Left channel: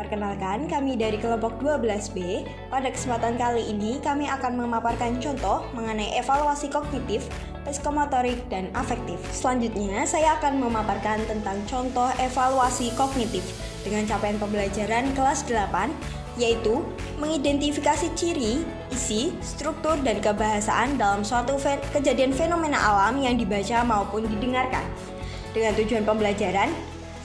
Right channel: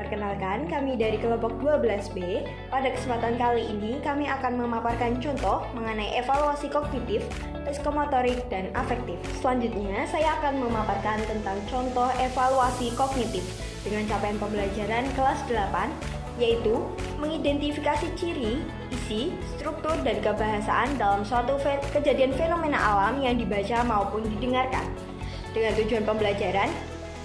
Perkenalkan, kami dari kelompok 12B. Pada kesempatan kali ini, kami akan memaparkan contoh mengenai evaluasi kognitif, psikomotorik, dan afektif. Selanjutnya, saya akan memaparkan tentang contoh evaluasi kognitif dengan capaian pembelajaran kelas 8, yaitu mengidentifikasi ciri, isi, struktur, dan kebahasaan dalam suatu kejadian fenomena alam yang dibaca maupun didengarkan. Dengan tujuan pembelajaran,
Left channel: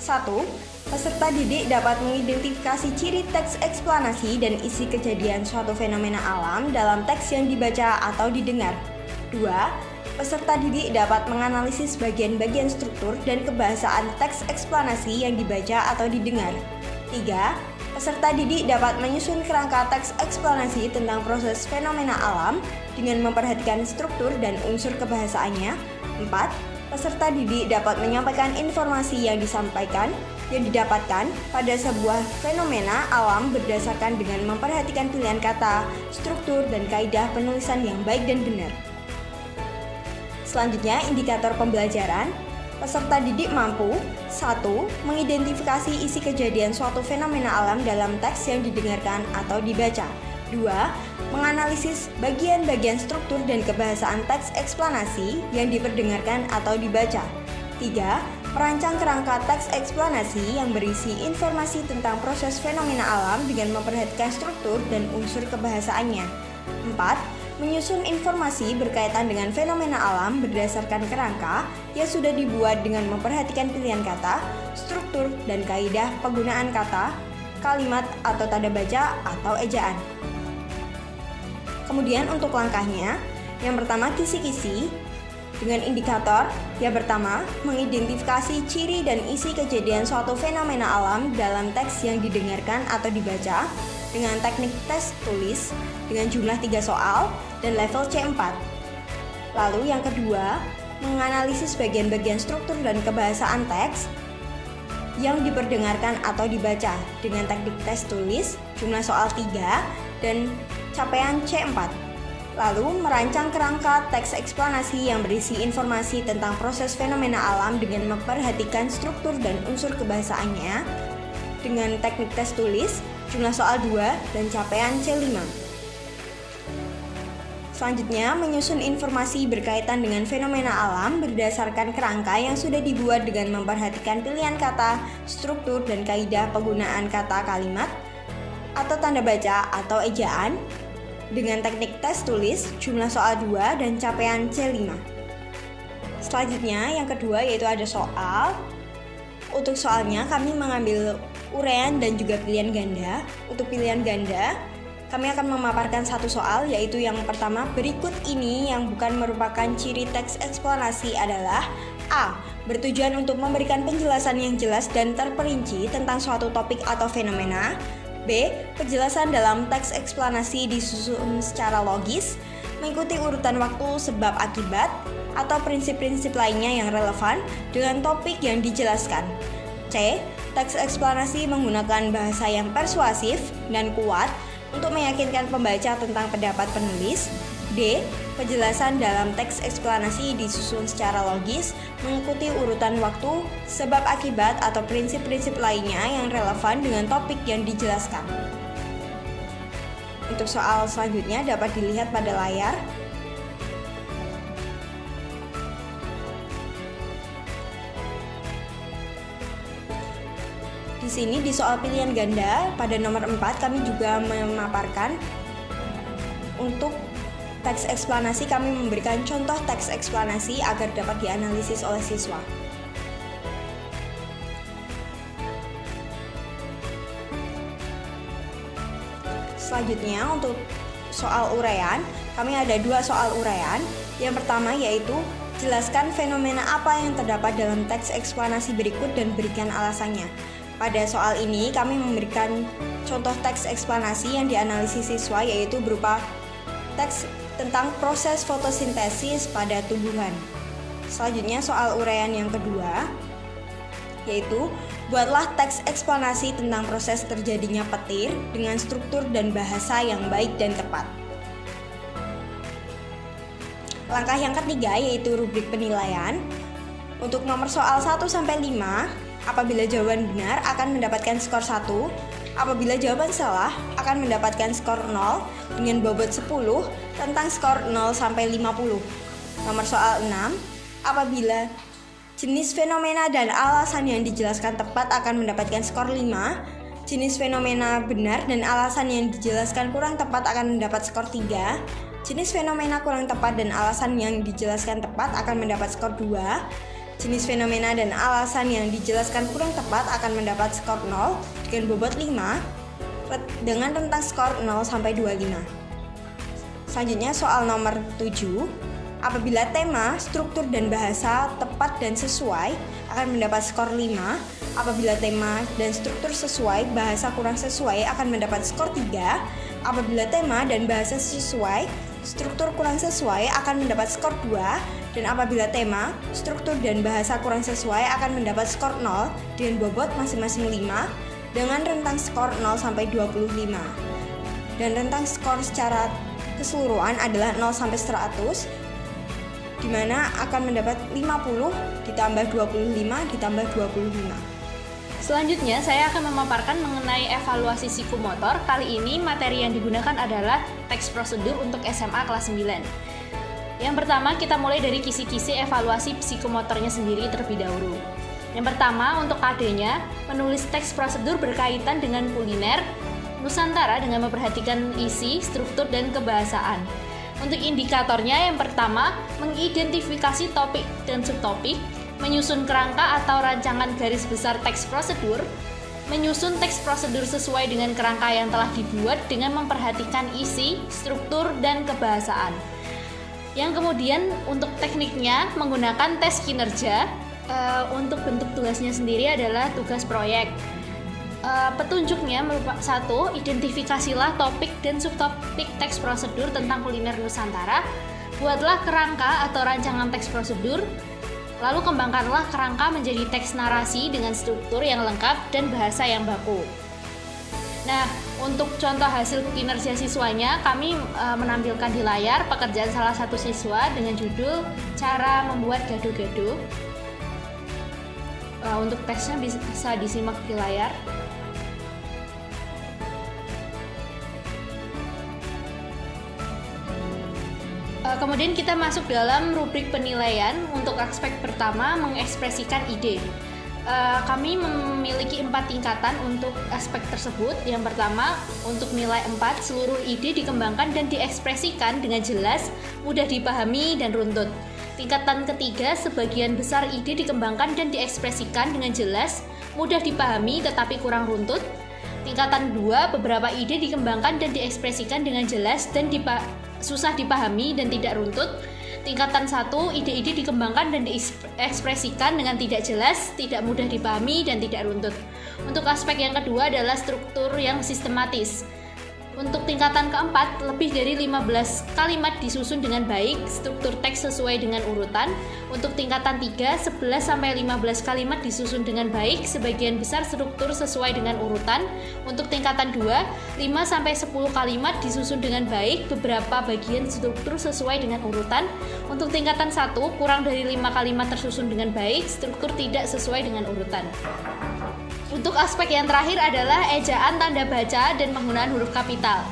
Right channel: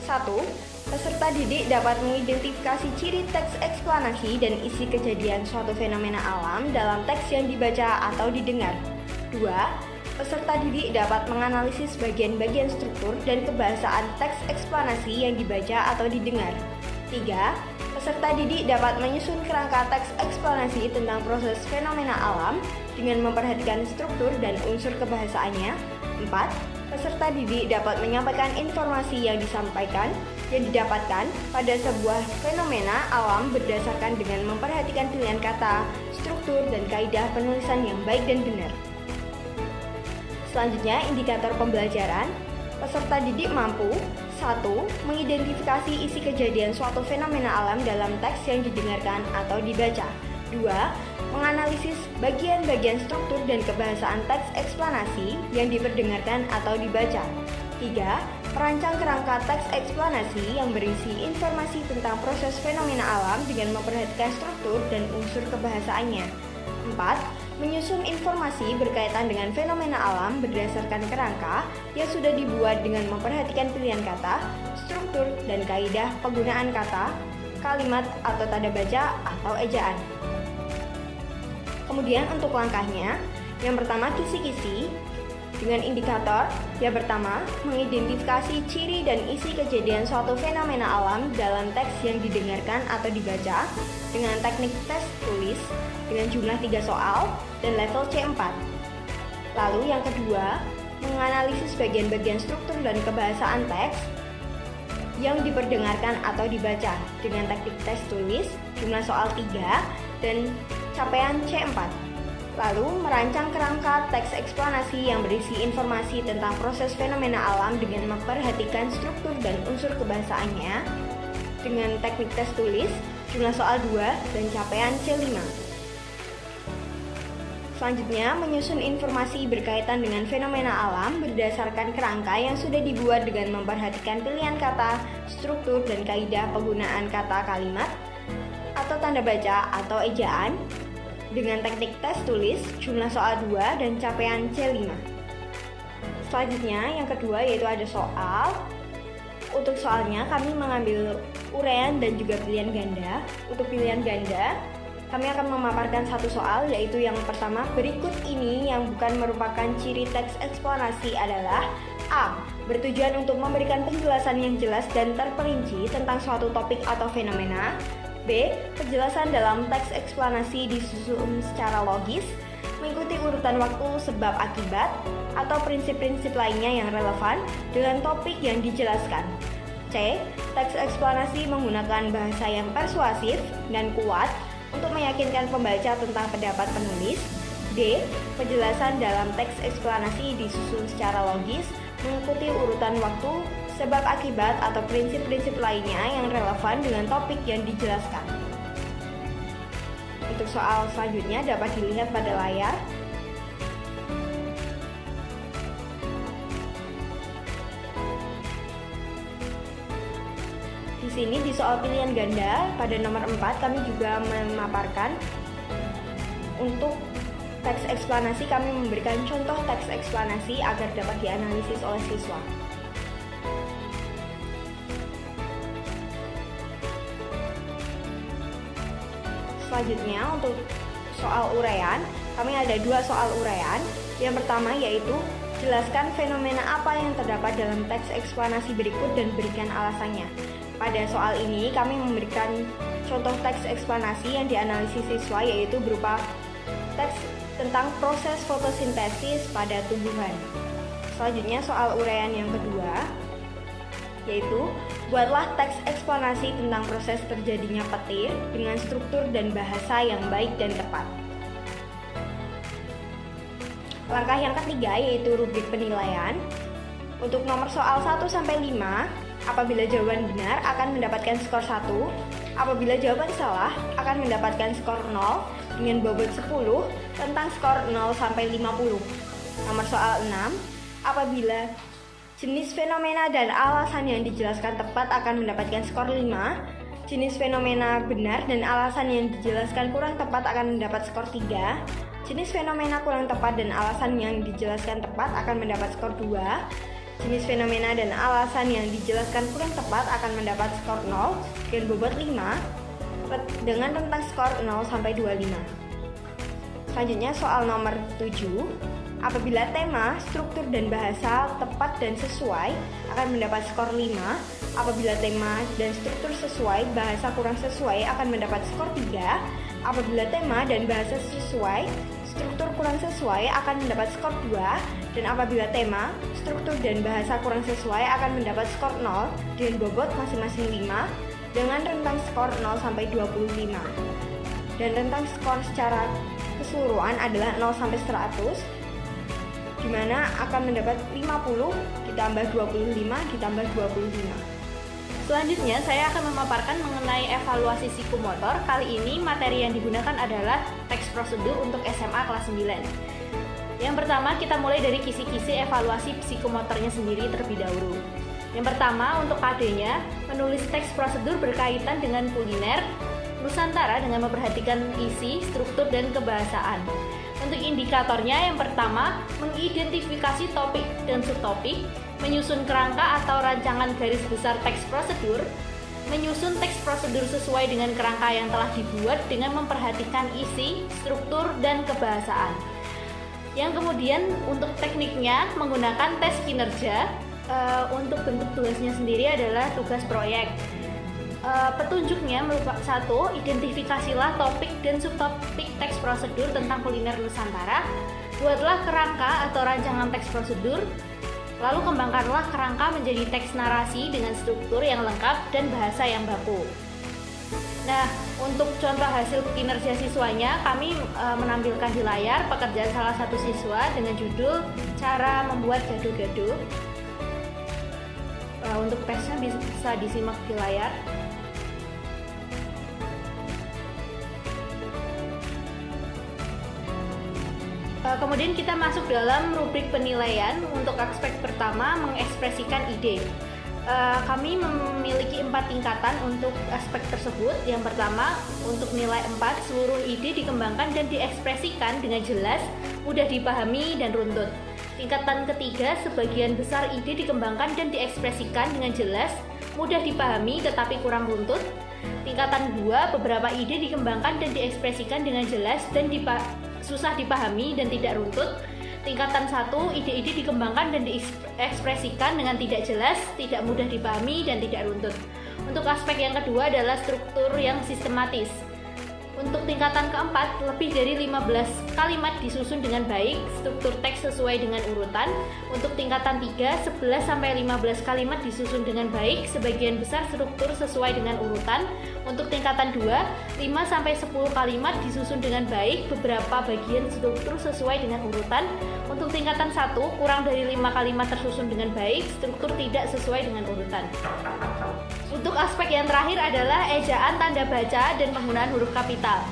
1. Peserta didik dapat mengidentifikasi ciri teks eksplanasi dan isi kejadian suatu fenomena alam dalam teks yang dibaca atau didengar. 2. Peserta didik dapat menganalisis bagian-bagian struktur dan kebahasaan teks eksplanasi yang dibaca atau didengar. 3. Peserta didik dapat menyusun kerangka teks eksplanasi tentang proses fenomena alam dengan memperhatikan struktur dan unsur kebahasaannya. 4. Peserta didik dapat menyampaikan informasi yang didapatkan pada sebuah fenomena alam berdasarkan dengan memperhatikan pilihan kata, struktur, dan kaidah penulisan yang baik dan benar. Selanjutnya, indikator pembelajaran. Peserta didik mampu 1. Mengidentifikasi isi kejadian suatu fenomena alam dalam teks yang didengarkan atau dibaca. 2. Menganalisis bagian-bagian struktur dan kebahasaan teks eksplanasi yang diperdengarkan atau dibaca. 3. Merancang kerangka teks eksplanasi yang berisi informasi tentang proses fenomena alam dengan memperhatikan struktur dan unsur kebahasaannya. 4. Menyusun informasi berkaitan dengan fenomena alam berdasarkan kerangka yang sudah dibuat dengan memperhatikan pilihan kata, struktur, dan kaidah penggunaan kata, kalimat, atau tanda baca atau ejaan. Kemudian untuk langkahnya, yang pertama kisi-kisi dengan indikator. Yang pertama, mengidentifikasi ciri dan isi kejadian suatu fenomena alam dalam teks yang didengarkan atau dibaca dengan teknik tes tulis dengan jumlah 3 soal dan level C4. Lalu yang kedua, menganalisis bagian-bagian struktur dan kebahasaan teks yang diperdengarkan atau dibaca dengan teknik tes tulis jumlah soal 3 dan capaian C4. Lalu merancang kerangka teks eksplanasi yang berisi informasi tentang proses fenomena alam dengan memperhatikan struktur dan unsur kebahasaannya dengan teknik tes tulis jumlah soal 2 dan capaian C5. Selanjutnya, menyusun informasi berkaitan dengan fenomena alam berdasarkan kerangka yang sudah dibuat dengan memperhatikan pilihan kata, struktur, dan kaidah penggunaan kata, kalimat, atau tanda baca atau ejaan dengan teknik tes tulis jumlah soal 2 dan capaian C5. Selanjutnya, yang kedua yaitu ada soal. Untuk soalnya kami mengambil uraian dan juga pilihan ganda. Untuk pilihan ganda, kami akan memaparkan satu soal, yaitu yang pertama, berikut ini yang bukan merupakan ciri teks eksplanasi adalah A. Bertujuan untuk memberikan penjelasan yang jelas dan terperinci tentang suatu topik atau fenomena. B. Penjelasan dalam teks eksplanasi disusun secara logis, mengikuti urutan waktu sebab akibat, atau prinsip-prinsip lainnya yang relevan dengan topik yang dijelaskan. C. Teks eksplanasi menggunakan bahasa yang persuasif dan kuat untuk meyakinkan pembaca tentang pendapat penulis. D. Penjelasan dalam teks eksplanasi disusun secara logis, mengikuti urutan waktu, sebab akibat, atau prinsip-prinsip lainnya yang relevan dengan topik yang dijelaskan. Untuk soal selanjutnya dapat dilihat pada layar. Di sini di soal pilihan ganda pada nomor 4 kami juga memaparkan untuk teks eksplanasi, kami memberikan contoh teks eksplanasi agar dapat dianalisis oleh siswa. Selanjutnya untuk soal uraian, kami ada 2 soal uraian. Yang pertama yaitu jelaskan fenomena apa yang terdapat dalam teks eksplanasi berikut dan berikan alasannya. Pada soal ini kami memberikan contoh teks eksplanasi yang dianalisis siswa, yaitu berupa teks tentang proses fotosintesis pada tumbuhan. Selanjutnya soal uraian yang kedua yaitu buatlah teks eksplanasi tentang proses terjadinya petir dengan struktur dan bahasa yang baik dan tepat. Langkah yang ketiga yaitu rubrik penilaian. Untuk nomor soal 1-5, apabila jawaban benar akan mendapatkan skor 1, Apabila jawaban salah, akan mendapatkan skor 0 dengan bobot 10 tentang skor 0 sampai 50. Nomor soal 6, apabila jenis fenomena dan alasan yang dijelaskan tepat akan mendapatkan skor 5, jenis fenomena benar dan alasan yang dijelaskan kurang tepat akan mendapat skor 3, jenis fenomena kurang tepat dan alasan yang dijelaskan tepat akan mendapat skor 2, jenis fenomena dan alasan yang dijelaskan kurang tepat akan mendapat skor 0 dengan bobot 5 dengan rentang skor 0 sampai 25. Selanjutnya soal nomor 7, apabila tema, struktur dan bahasa tepat dan sesuai akan mendapat skor 5, apabila tema dan struktur sesuai, bahasa kurang sesuai akan mendapat skor 3, apabila tema dan bahasa sesuai, struktur kurang sesuai akan mendapat skor 2, dan apabila tema, struktur dan bahasa kurang sesuai akan mendapat skor 0 dengan bobot masing-masing 5 dengan rentang skor 0 sampai 25. Dan rentang skor secara keseluruhan adalah 0 sampai 100, di mana akan mendapat 50 ditambah 25 ditambah 25. Selanjutnya saya akan memaparkan mengenai evaluasi psikomotor. Kali ini materi yang digunakan adalah teks prosedur untuk SMA kelas 9. Yang pertama kita mulai dari kisi-kisi evaluasi psikomotornya sendiri terlebih dahulu. Yang pertama untuk KD-nya, menulis teks prosedur berkaitan dengan kuliner Nusantara dengan memperhatikan isi, struktur, dan kebahasaan. Untuk indikatornya yang pertama, mengidentifikasi topik dan subtopik, menyusun kerangka atau rancangan garis besar teks prosedur, menyusun teks prosedur sesuai dengan kerangka yang telah dibuat dengan memperhatikan isi, struktur, dan kebahasaan. Yang kemudian untuk tekniknya menggunakan tes kinerja. Untuk bentuk tugasnya sendiri adalah tugas proyek. Petunjuknya merupakan 1. Identifikasilah topik dan subtopik teks prosedur tentang kuliner Nusantara. Buatlah kerangka atau rancangan teks prosedur. Lalu kembangkanlah kerangka menjadi teks narasi dengan struktur yang lengkap dan bahasa yang baku. Nah, untuk contoh hasil kinerja siswanya, kami menampilkan di layar pekerjaan salah satu siswa dengan judul Cara Membuat Gado-Gado. Untuk teksnya bisa disimak di layar. Kemudian kita masuk dalam rubrik penilaian. Untuk aspek pertama, mengekspresikan ide. Kami memiliki 4 tingkatan untuk aspek tersebut. Yang pertama, untuk nilai 4, seluruh ide dikembangkan dan diekspresikan dengan jelas, mudah dipahami, dan runtut. Tingkatan ketiga, sebagian besar ide dikembangkan dan diekspresikan dengan jelas, mudah dipahami tetapi kurang runtut. Tingkatan 2, beberapa ide dikembangkan dan diekspresikan dengan jelas dan susah dipahami dan tidak runtut. Tingkatan 1, ide-ide dikembangkan dan diekspresikan dengan tidak jelas, tidak mudah dipahami, dan tidak runtut. Untuk aspek yang kedua adalah struktur yang sistematis. Untuk tingkatan keempat, lebih dari 15 kalimat disusun dengan baik, struktur teks sesuai dengan urutan. Untuk tingkatan 3, 11-15 kalimat disusun dengan baik, sebagian besar struktur sesuai dengan urutan. Untuk tingkatan 2, 5-10 kalimat disusun dengan baik, beberapa bagian struktur sesuai dengan urutan. Untuk tingkatan 1, kurang dari 5 kalimat tersusun dengan baik, struktur tidak sesuai dengan urutan. Untuk aspek yang terakhir adalah ejaan, tanda baca, dan penggunaan huruf kapital.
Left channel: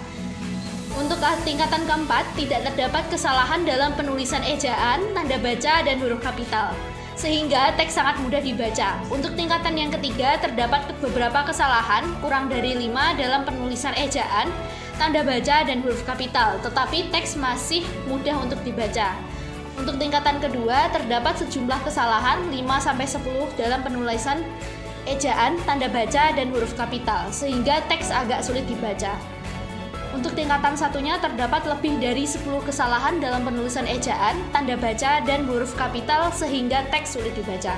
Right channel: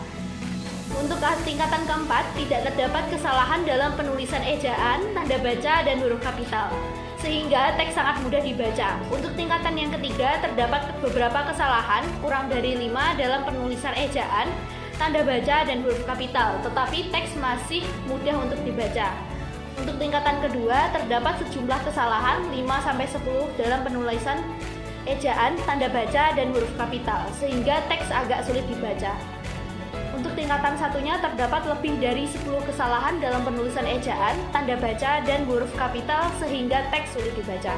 Untuk tingkatan keempat, tidak terdapat kesalahan dalam penulisan ejaan, tanda baca, dan huruf kapital, sehingga teks sangat mudah dibaca. Untuk tingkatan yang ketiga, terdapat beberapa kesalahan, kurang dari 5 dalam penulisan ejaan, tanda baca, dan huruf kapital, tetapi teks masih mudah untuk dibaca. Untuk tingkatan kedua, terdapat sejumlah kesalahan, 5-10 dalam penulisan ejaan, tanda baca, dan huruf kapital, sehingga teks agak sulit dibaca. Untuk tingkatan satunya terdapat lebih dari 10 kesalahan dalam penulisan ejaan, tanda baca, dan huruf kapital, sehingga teks sulit dibaca.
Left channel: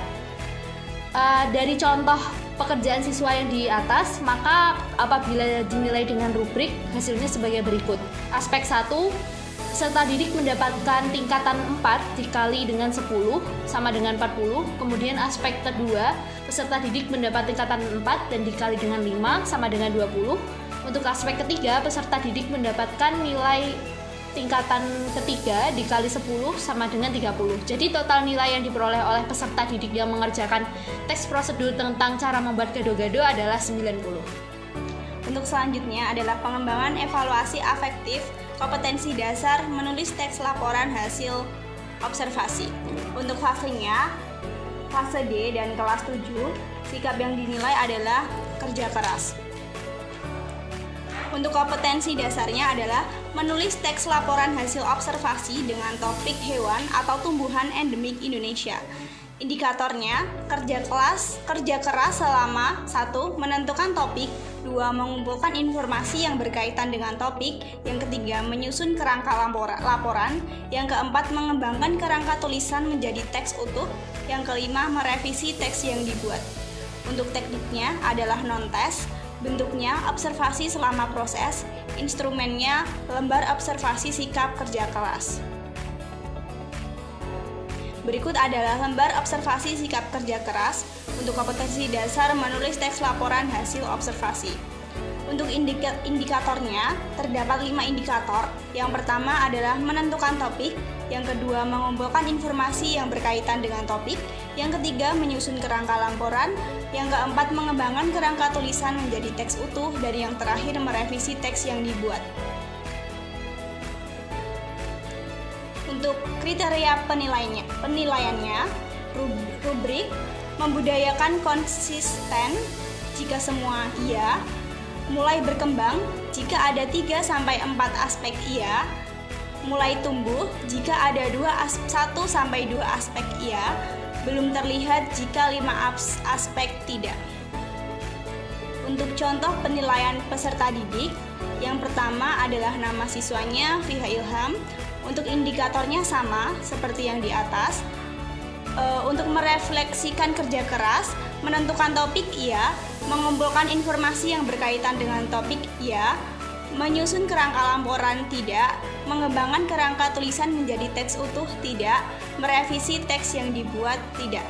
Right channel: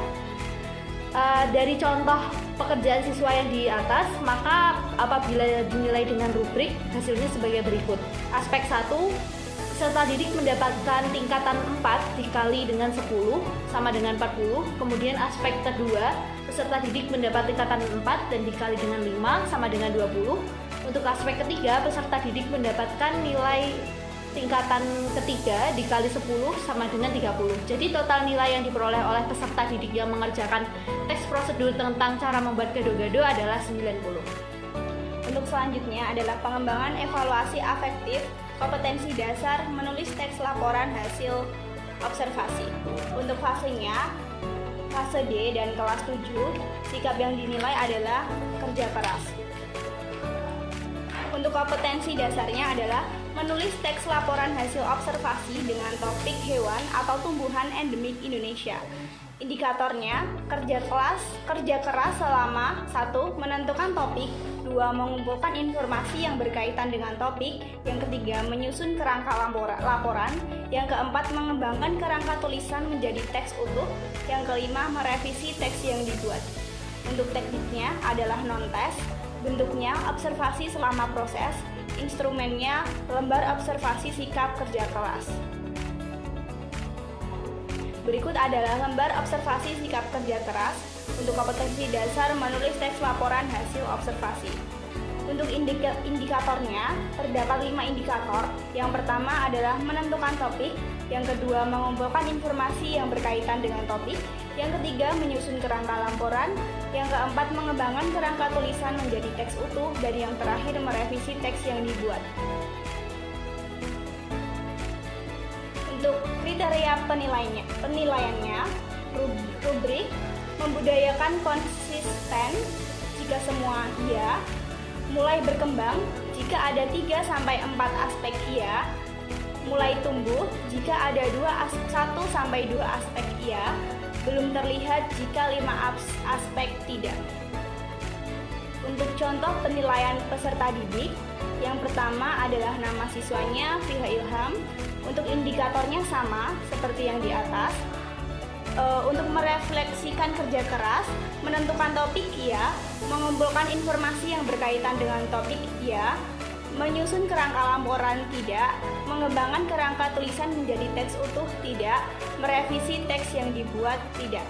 Dari contoh pekerjaan siswa yang di atas, maka apabila dinilai dengan rubrik, hasilnya sebagai berikut. Aspek 1, peserta didik mendapatkan tingkatan 4 dikali dengan 10 sama dengan 40. Kemudian aspek kedua, peserta didik mendapat tingkatan 4 dan dikali dengan 5 sama dengan 20. Untuk aspek ketiga, peserta didik mendapatkan nilai tingkatan ketiga dikali 10 sama dengan 30. Jadi total nilai yang diperoleh oleh peserta didik yang mengerjakan teks prosedur tentang cara membuat gado-gado adalah 90. Untuk selanjutnya adalah pengembangan evaluasi afektif kompetensi dasar menulis teks laporan hasil observasi. Untuk fasenya, fase D dan kelas 7, sikap yang dinilai adalah kerja keras. Untuk kompetensi dasarnya adalah menulis teks laporan hasil observasi dengan topik hewan atau tumbuhan endemik Indonesia. Indikatornya, kerja keras selama 1. Menentukan topik, 2. Mengumpulkan informasi yang berkaitan dengan topik, yang ketiga menyusun kerangka laporan, yang keempat mengembangkan kerangka tulisan menjadi teks utuh, yang kelima merevisi teks yang dibuat. Untuk tekniknya adalah non-tes, bentuknya observasi selama proses, instrumennya lembar observasi sikap kerja keras. Berikut adalah lembar observasi sikap kerja keras untuk kompetensi dasar menulis teks laporan hasil observasi. Untuk indikatornya, terdapat 5 indikator. Yang pertama adalah menentukan topik, yang kedua mengumpulkan informasi yang berkaitan dengan topik, yang ketiga menyusun kerangka laporan, yang keempat mengembangkan kerangka tulisan menjadi teks utuh, dan yang terakhir merevisi teks yang dibuat. Untuk kriteria penilaiannya, rubrik membudayakan konsisten jika semua iya, mulai berkembang jika ada 3-4 aspek iya, mulai tumbuh jika ada 1-2 aspek iya, belum terlihat jika 5 aspek tidak. Untuk contoh penilaian peserta didik, yang pertama adalah nama siswanya, Fiha Ilham. Untuk indikatornya sama seperti yang di atas. Untuk merefleksikan kerja keras, menentukan topik iya, mengumpulkan informasi yang berkaitan dengan topik iya, menyusun kerangka laporan tidak, mengembangkan kerangka tulisan menjadi teks utuh tidak, merevisi teks yang dibuat tidak.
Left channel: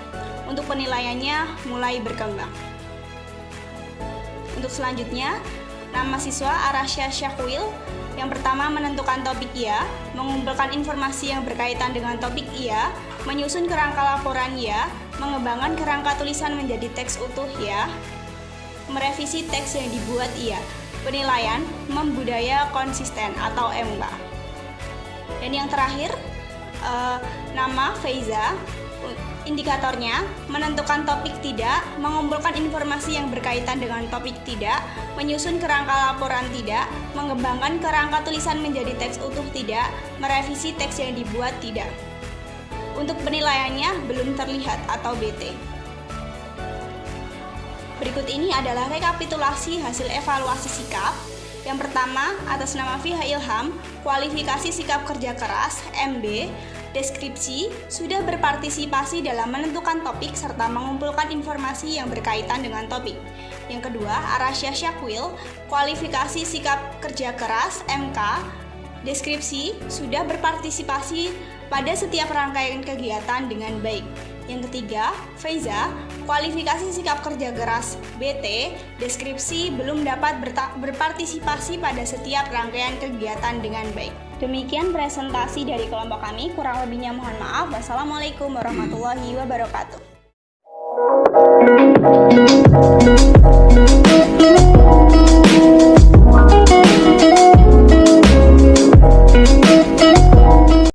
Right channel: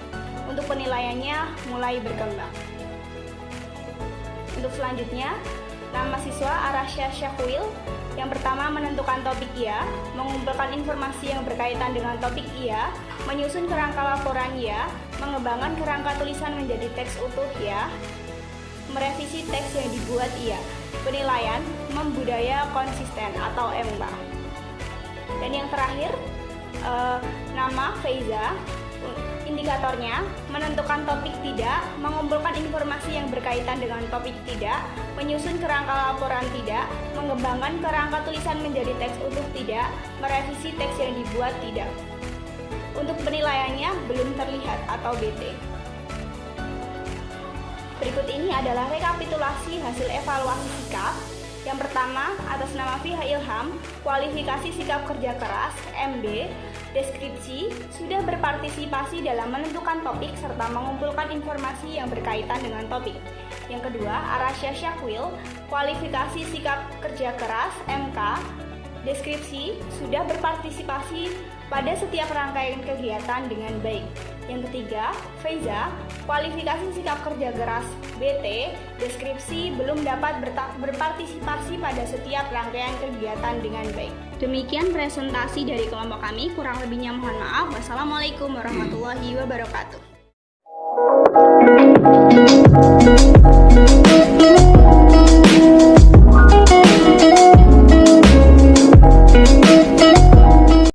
Untuk penilaiannya mulai berkembang. Untuk selanjutnya, nama siswa Arasya Syakwil. Yang pertama menentukan topik iya, mengumpulkan informasi yang berkaitan dengan topik iya, menyusun kerangka laporan iya, mengembangkan kerangka tulisan menjadi teks utuh ya, merevisi teks yang dibuat iya. Penilaian membudaya konsisten atau MK. Dan yang terakhir, nama Feiza. Indikatornya, menentukan topik tidak, mengumpulkan informasi yang berkaitan dengan topik tidak, menyusun kerangka laporan tidak, mengembangkan kerangka tulisan menjadi teks utuh tidak, merevisi teks yang dibuat tidak. Untuk penilaiannya belum terlihat atau BT. Berikut ini adalah rekapitulasi hasil evaluasi sikap. Yang pertama, atas nama Fiha Ilham, kualifikasi sikap kerja keras, MB, deskripsi, sudah berpartisipasi dalam menentukan topik serta mengumpulkan informasi yang berkaitan dengan topik. Yang kedua, Arasya Syakwil, kualifikasi sikap kerja keras, MK, deskripsi, sudah berpartisipasi pada setiap rangkaian kegiatan dengan baik. Yang ketiga, Feiza, kualifikasi sikap kerja keras BT, deskripsi belum dapat berpartisipasi pada setiap rangkaian kegiatan dengan baik. Demikian presentasi dari kelompok kami, kurang lebihnya mohon maaf. Wassalamualaikum warahmatullahi wabarakatuh.